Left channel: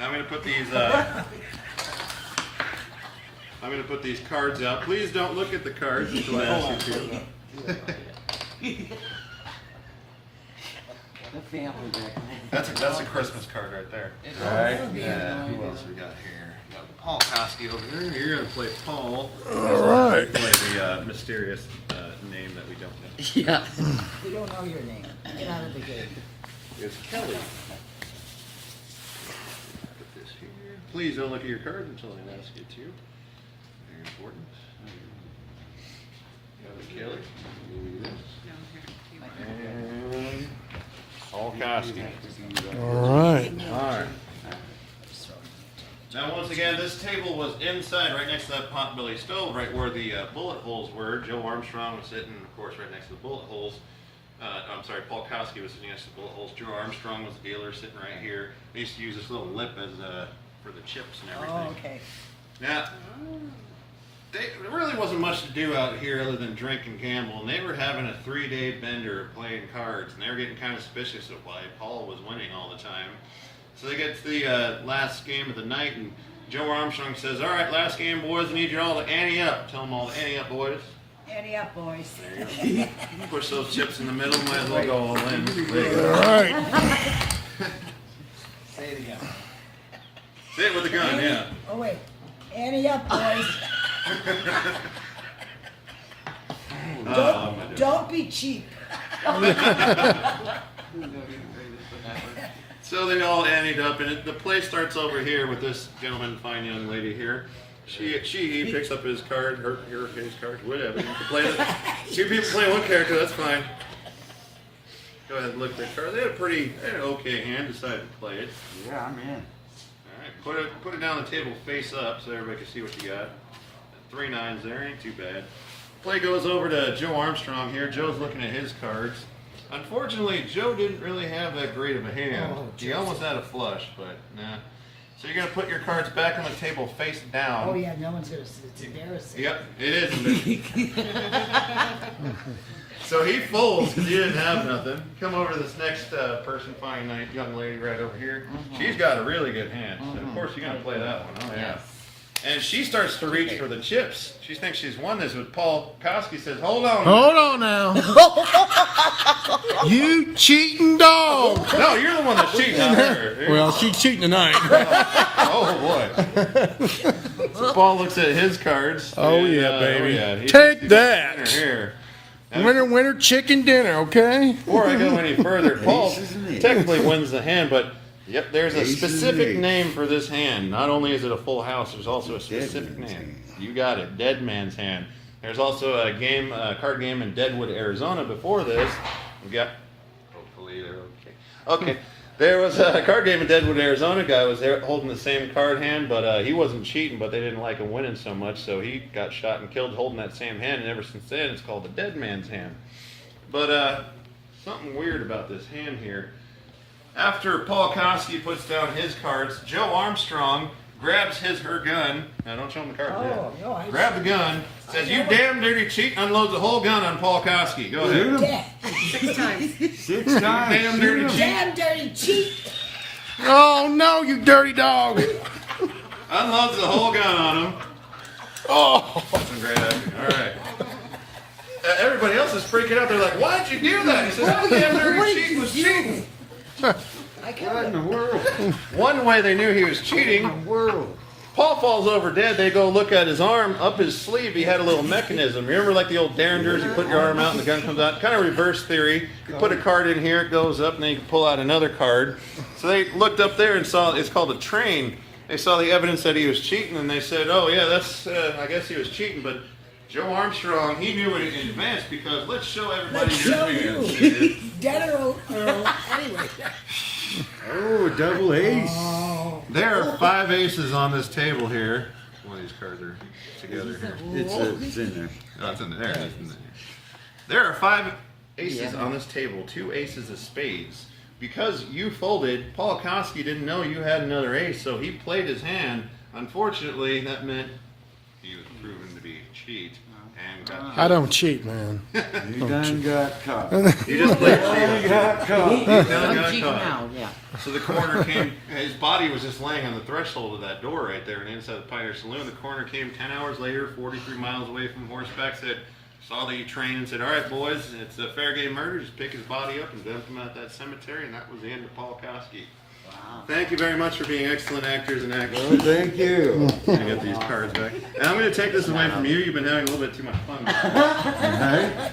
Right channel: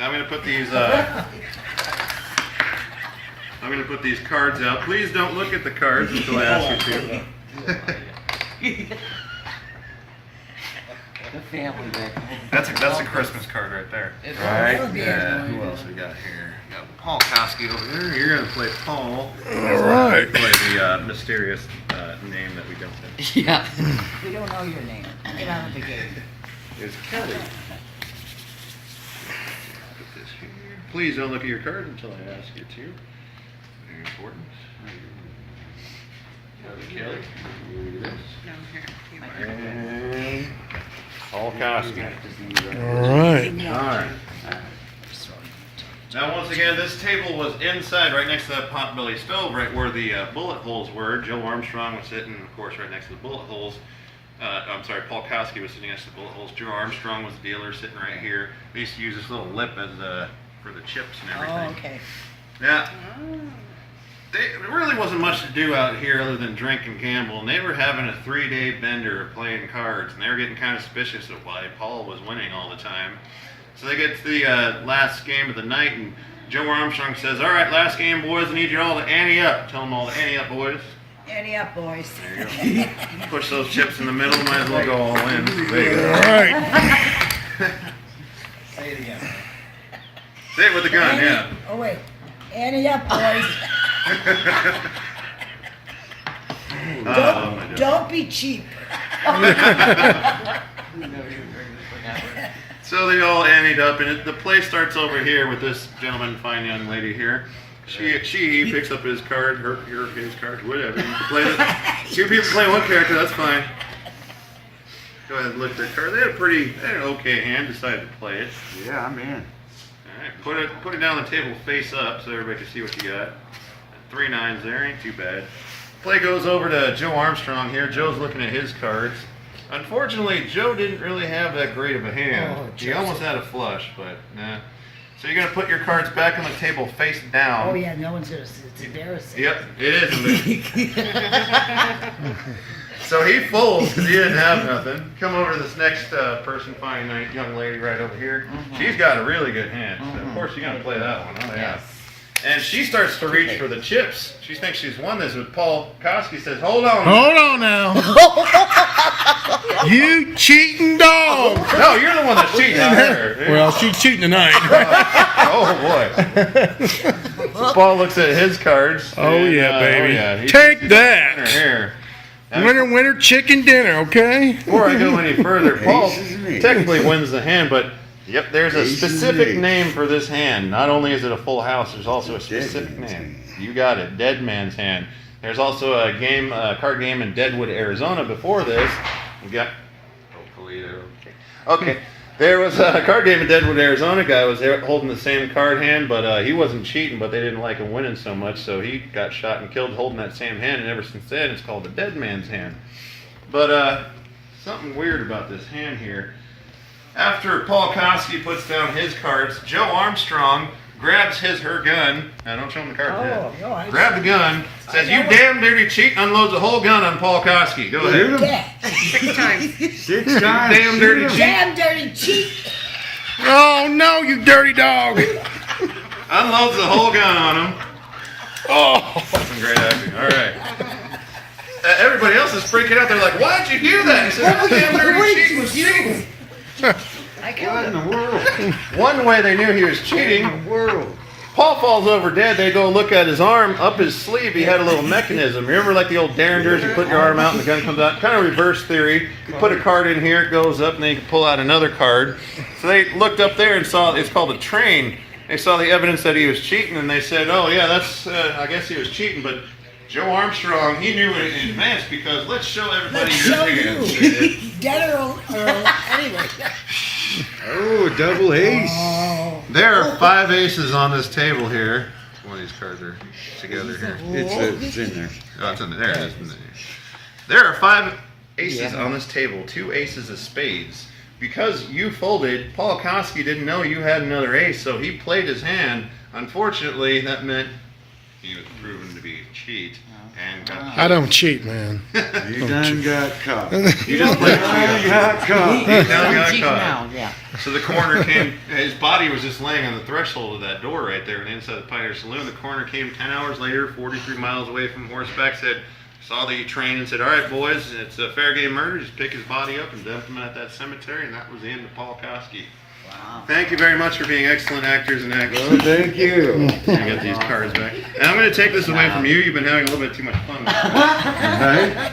I'm going to put these. I'm going to put these cards out. Please don't look at the cards until I ask you to. The family there. That's a Christmas card right there. Right? Yeah. Who else we got here? We got Paul Koski over there. You're going to play Paul. All right. Play the mysterious name that we don't know. Yeah. We don't know your name. Get out of the game. It's Kelly. Put this here. Please don't look at your cards until I ask you to. Very important. Kelly. Look at this. And Paul Koski. All right. Alright. Now once again, this table was inside, right next to that potbelly stove, right where the bullet holes were. Joe Armstrong was sitting, of course, right next to the bullet holes. I'm sorry, Paul Koski was sitting next to the bullet holes. Joe Armstrong was the dealer, sitting right here. We used to use this little lip as for the chips and everything. Oh, okay. Now, there really wasn't much to do out here other than drink and gamble, and they were having a 3-day bender of playing cards, and they were getting kind of suspicious of why Paul was winning all the time. So they get to the last game of the night, and Joe Armstrong says, "All right, last game, boys, I need you all to ante up." Tell them all to ante up, boys. Ante up, boys. There you go. Push those chips in the middle, might as well go all in. All right. Say it again. Say it with the gun, yeah. Oh, wait. Ante up, boys. Don't be cheap. So they all anteed up, and the play starts over here with this gentleman, fine young lady here. He picks up his card, his card, whatever. You can play that. Two people play one character, that's fine. Go ahead and look at their card. They had an okay hand, decided to play it. Yeah, I'm in. Alright, put it down on the table face up so everybody can see what you got. 3 9s there, ain't too bad. Play goes over to Joe Armstrong here. Joe's looking at his cards. Unfortunately, Joe didn't really have that great of a hand. He almost had a flush, but nah. So you're going to put your cards back on the table face down. Oh, yeah, no one's going to see. It's embarrassing. Yep, it is embarrassing. So he folds because he didn't have nothing. Come over to this next person, fine young lady right over here. She's got a really good hand. So of course, you're going to play that one. Oh, yeah. And she starts to reach for the chips. She thinks she's won this, but Paul Koski says, "Hold on. Hold on now. You cheating dog. No, you're the one that's cheating out there." Well, she's cheating tonight. Oh, boy. So Paul looks at his cards. Oh, and, yeah, baby. He's Take that. Here. Winner, chicken dinner, okay? Before I go any further, Paul technically wins the hand, but yep, there's a specific name for this hand. Not only is it a full house, there's also a specific name. You got it, Dead Man's Hand. There's also a card game in Deadwood, Arizona before this. We got, hopefully they're okay. Okay, there was a card game in Deadwood, Arizona. Guy was there holding the same card hand, but he wasn't cheating, but they didn't like him winning so much, so he got shot and killed holding that same hand, and ever since then it's called the Dead Man's Hand. But something weird about this hand here. After Paul Koski puts down his cards, Joe Armstrong grabs her gun. Now don't show him the card yet. Grab the gun, says, "You damn dirty cheat," unloads the whole gun on Paul Koski. Go ahead. Yeah. 6 times. 6 You times. damn dirty cheat. Damn dirty cheat. Oh, no, you dirty dog. Unloads the whole gun on him. Oh. Some great acting. All right. Everybody else is freaking out. They're like, "Why'd you do that?" He said, "Oh, the damn dirty cheat was you." I killed him. In the world. One way they knew he was cheating, Paul falls over dead. They go look at his arm. Up his sleeve, he had a little mechanism. Remember like the old Derringers? You put your arm out and the gun comes out. Kind of reverse theory. You put a card in here, it goes up, and then you can pull out another card. So they looked up there and saw, it's called a train. They saw the evidence that he was cheating, and they said, "Oh, yeah, that's, I guess he was cheating." But Joe Armstrong, he knew it in advance because let's show everybody Let's your show hands. you. Dead or anyway. Oh, double ace. Oh. There are 5 aces on this table here. One of these cards are together here. It's in there. Oh, it's in there. There it is. There are 5 aces on this table. 2 aces of spades. Because you folded, Paul Koski didn't know you had another ace, so he played his hand. Unfortunately, that meant he was proven to be a cheat and got I don't cheat, man. You done got caught. You just played cheat. got caught. He done got Cheating caught. now, yeah. So the coroner came, his body was just laying on the threshold of that door right there on the inside of the Pioneer Saloon. The coroner came 10 hours later, 43 miles away from horseback, saw the train and said, all right, boys, it's a fair game murder. Just pick his body up and dump him at that cemetery. And that was the end of Paul Koski. Wow. Thank you very much for being excellent actors and Well, actresses. thank you. I got these cards back. And I'm going to take this away from you. You've been having a little bit too much fun. Right?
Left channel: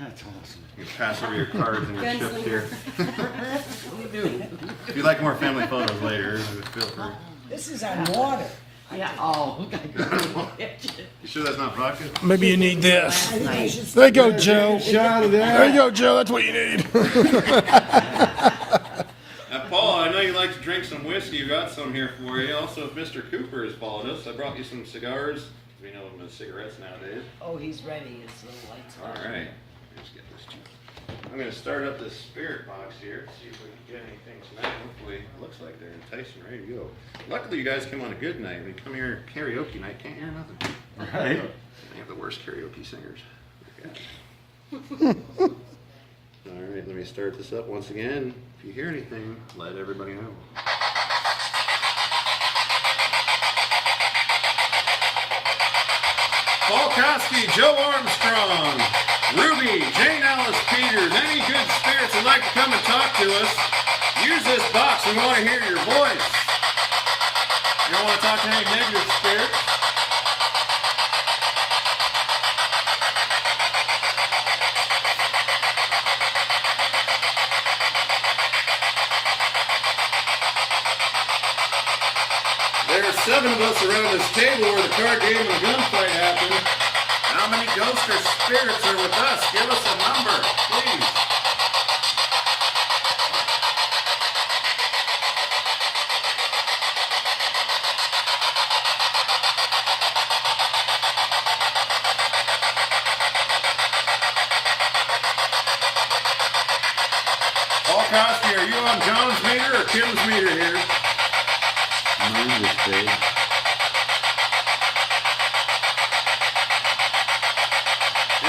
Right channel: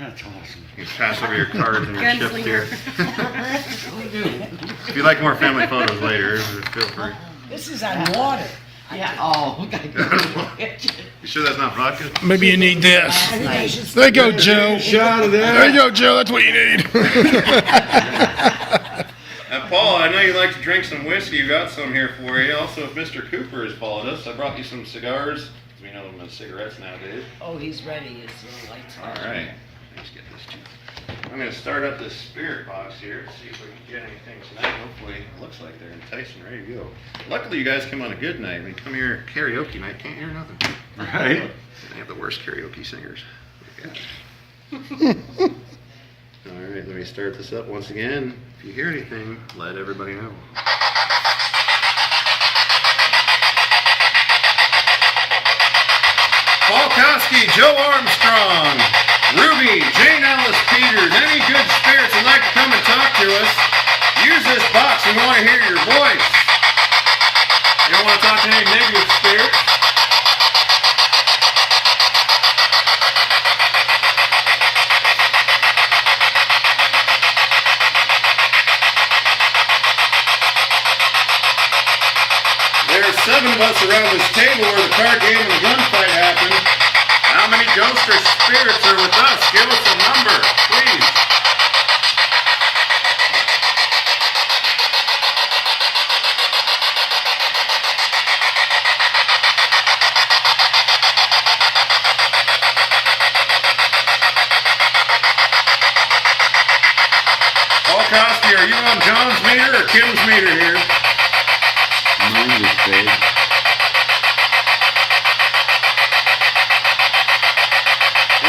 That's awesome. You can pass over your cards and your chips here. Gunslinger. If you like more family photos later, feel free. This is on water. Yeah, oh, You sure that's not vodka? Maybe you need this. I think I should There you go, Joe. Shot of There you that. go, Joe. That's what you need. Paul, I know you like to drink some whiskey. You got some here for you. Also, if Mr. Cooper has followed us, I brought you some cigars. We know them as cigarettes nowadays. Oh, he's ready. His little lights All on. right. Let's get this too. I'm going to start up this spirit box here, see if we can get anything tonight. Hopefully, it looks like they're enticing, ready to go. Luckily, you guys come on a good night. We come here karaoke night, can't hear nothing. Right? They have the worst karaoke singers. All right, let me start this up once again. If you hear anything, let everybody know. Paul Koski, Joe Armstrong, Ruby, Jane Alice Peters, any good spirits would like to come and talk to us, use this box. We want to hear your voice. You don't want to talk to any negative spirits? There's 7 of us around this table where the card game and the gunfight happened. How many ghosts or spirits are with us? Give us a number, please. Paul Koski, are you on John's meter or Kim's meter here? Mine was full.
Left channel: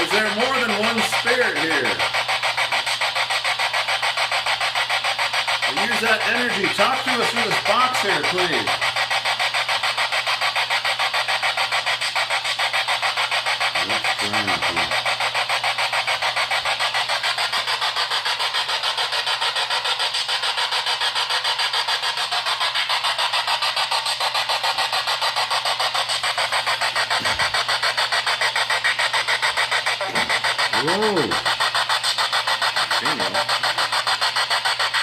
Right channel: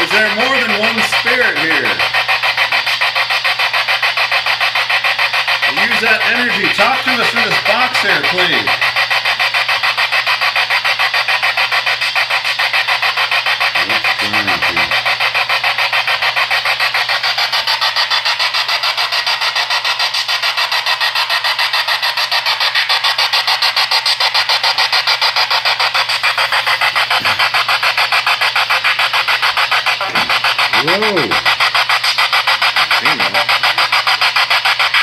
Is there more than one spirit here? Use that energy. Talk to us through this box here, please. What's going on? Whoa!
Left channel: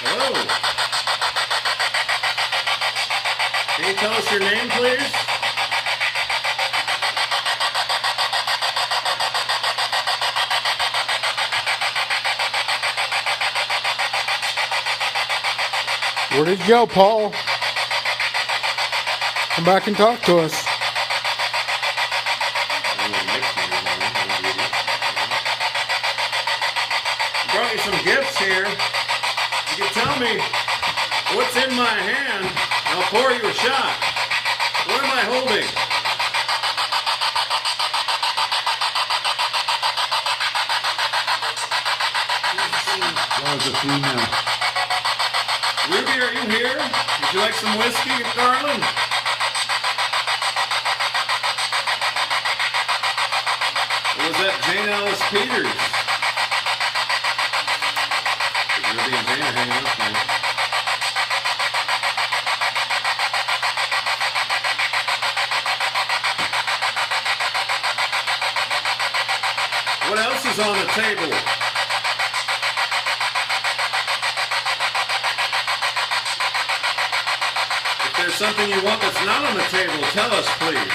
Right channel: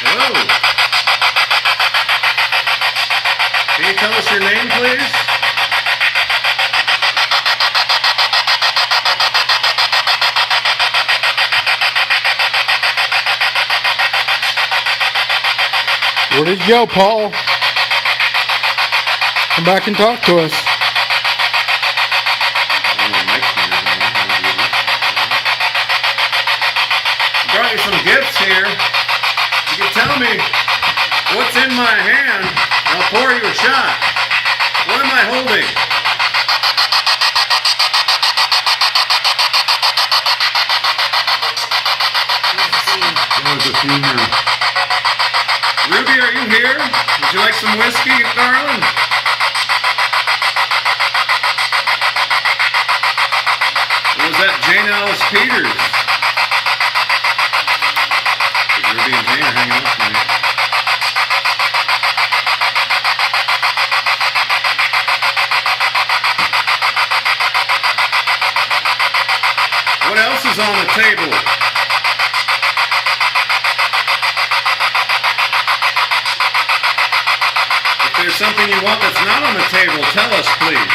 Hello. Can you tell us your name, please? Where did you go, Paul? Come back and talk to us. Brought you some gifts here. You can tell me what's in my hand, and I'll pour you a shot. What am I holding? That was a female. Ruby, are you here? Would you like some whiskey, darling? Or was that Jane Alice Peters? Ruby and Jane are hanging out tonight. What else is on the table? If there's something you want that's not on the table, tell us, please.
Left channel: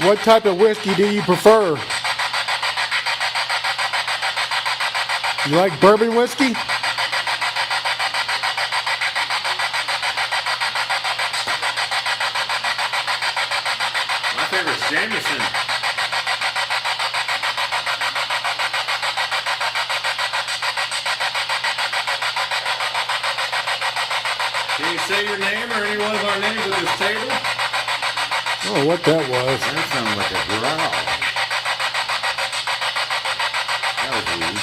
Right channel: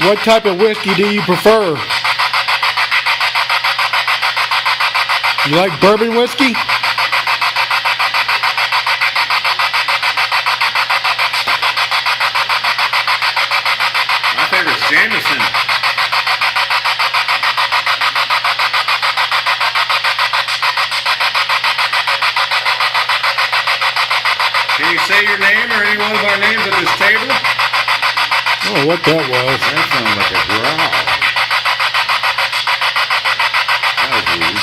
What type of whiskey do you prefer? You like bourbon whiskey? My Jameson. Can you say your name or any one of our names at this table? Oh, what that was. That sounded like a growl. That was weird.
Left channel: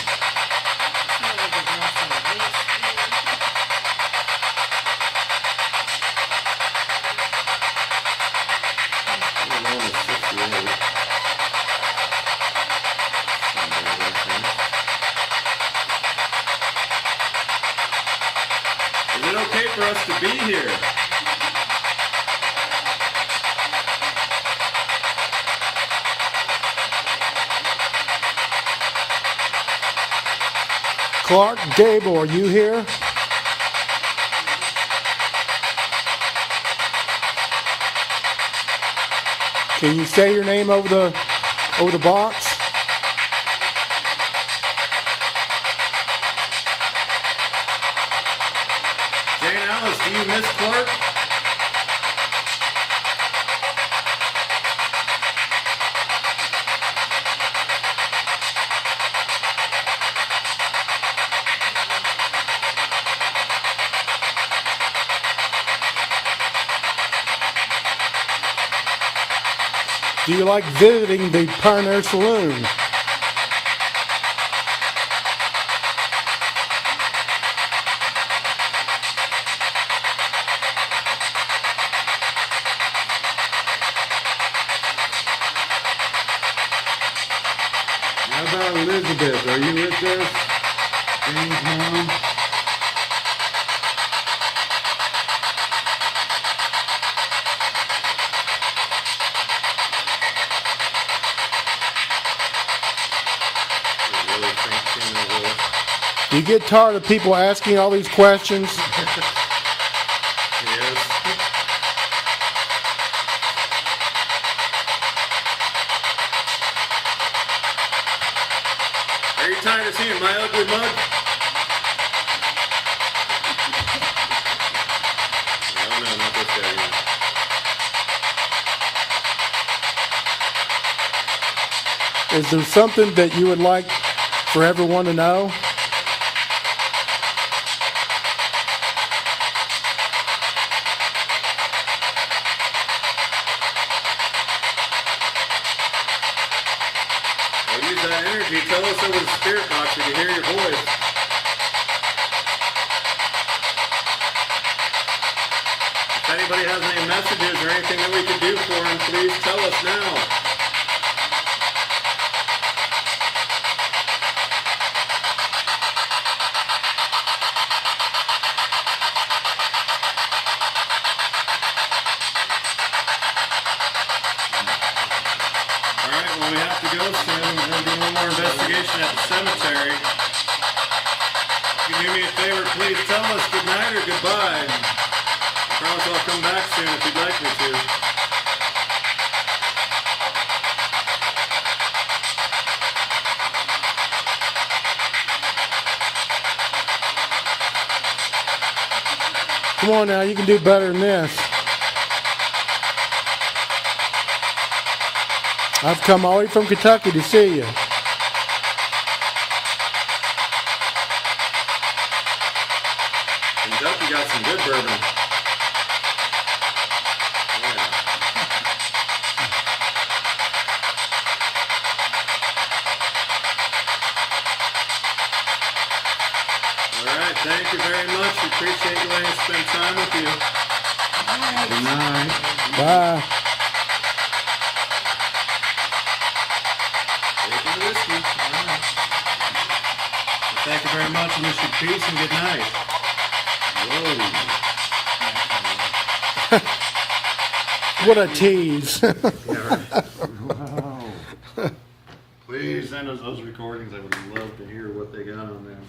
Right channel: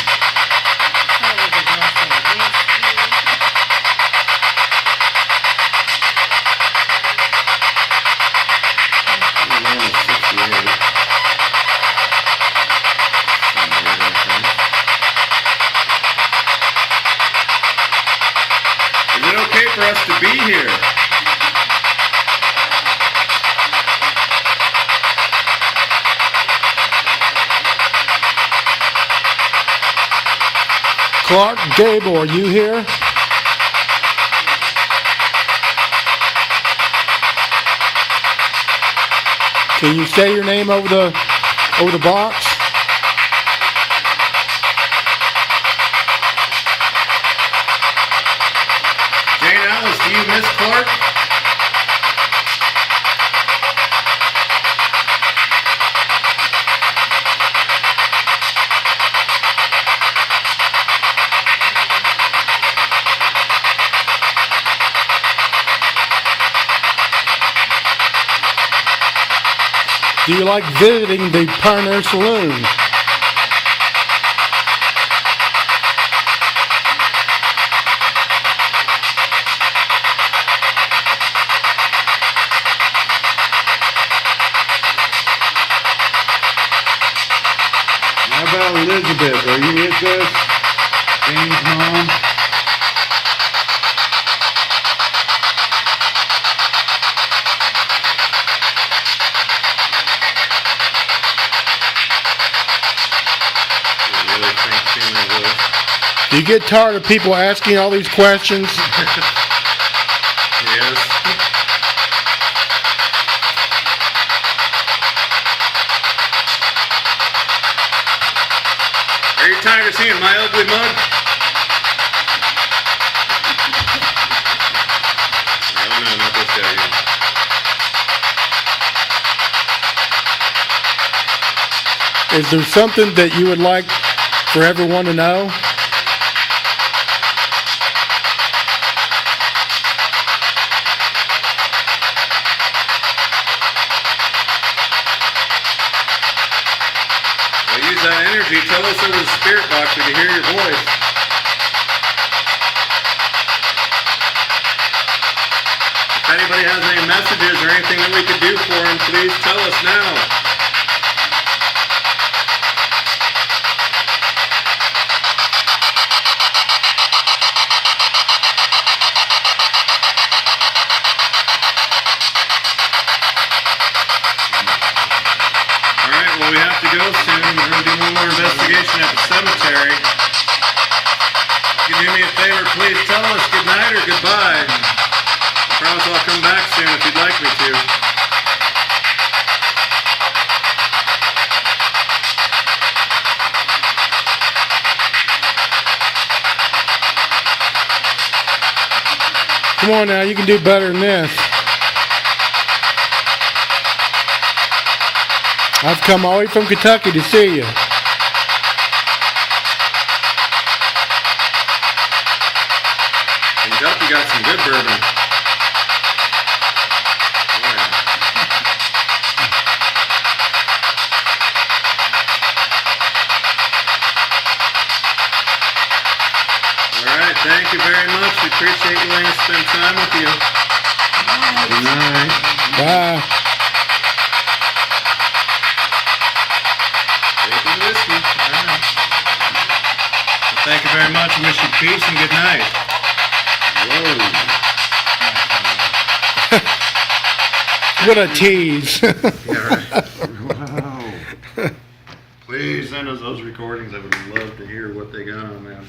Is it okay for us to be here? Clark Gable, are you here? Can you say your name over the box? Jane Ellis, do you miss Clark? Do you like visiting the Pioneer Saloon? How about Elizabeth? Are you with us? James' mom? Do you get tired of people asking all these questions? Yes. Are you tired of seeing my ugly mug? No, not this guy here. Is there something that you would like for everyone to know? Well, use that energy. Tell us over the spirit box we can hear your voice. If anybody has any messages or anything that we could do for them, please tell us now. Alright, well we have to go soon. We're going to do one more investigation at the cemetery. Can you do me a favor? Please tell us good night or goodbye. I promise I'll come back soon if you'd like me to. Come on now, you can do better than this. I've come all the way from Kentucky to see you. Kentucky got some good bourbon. Yeah. Alright, thank you very much. We appreciate you letting us spend time with you. Good night. Bye. Drinking whiskey. Alright. Well, thank you very much. I wish you peace and good night. Whoa. What a tease. Yeah, right. Wow. Please send us those recordings. I would love to hear what they got on them.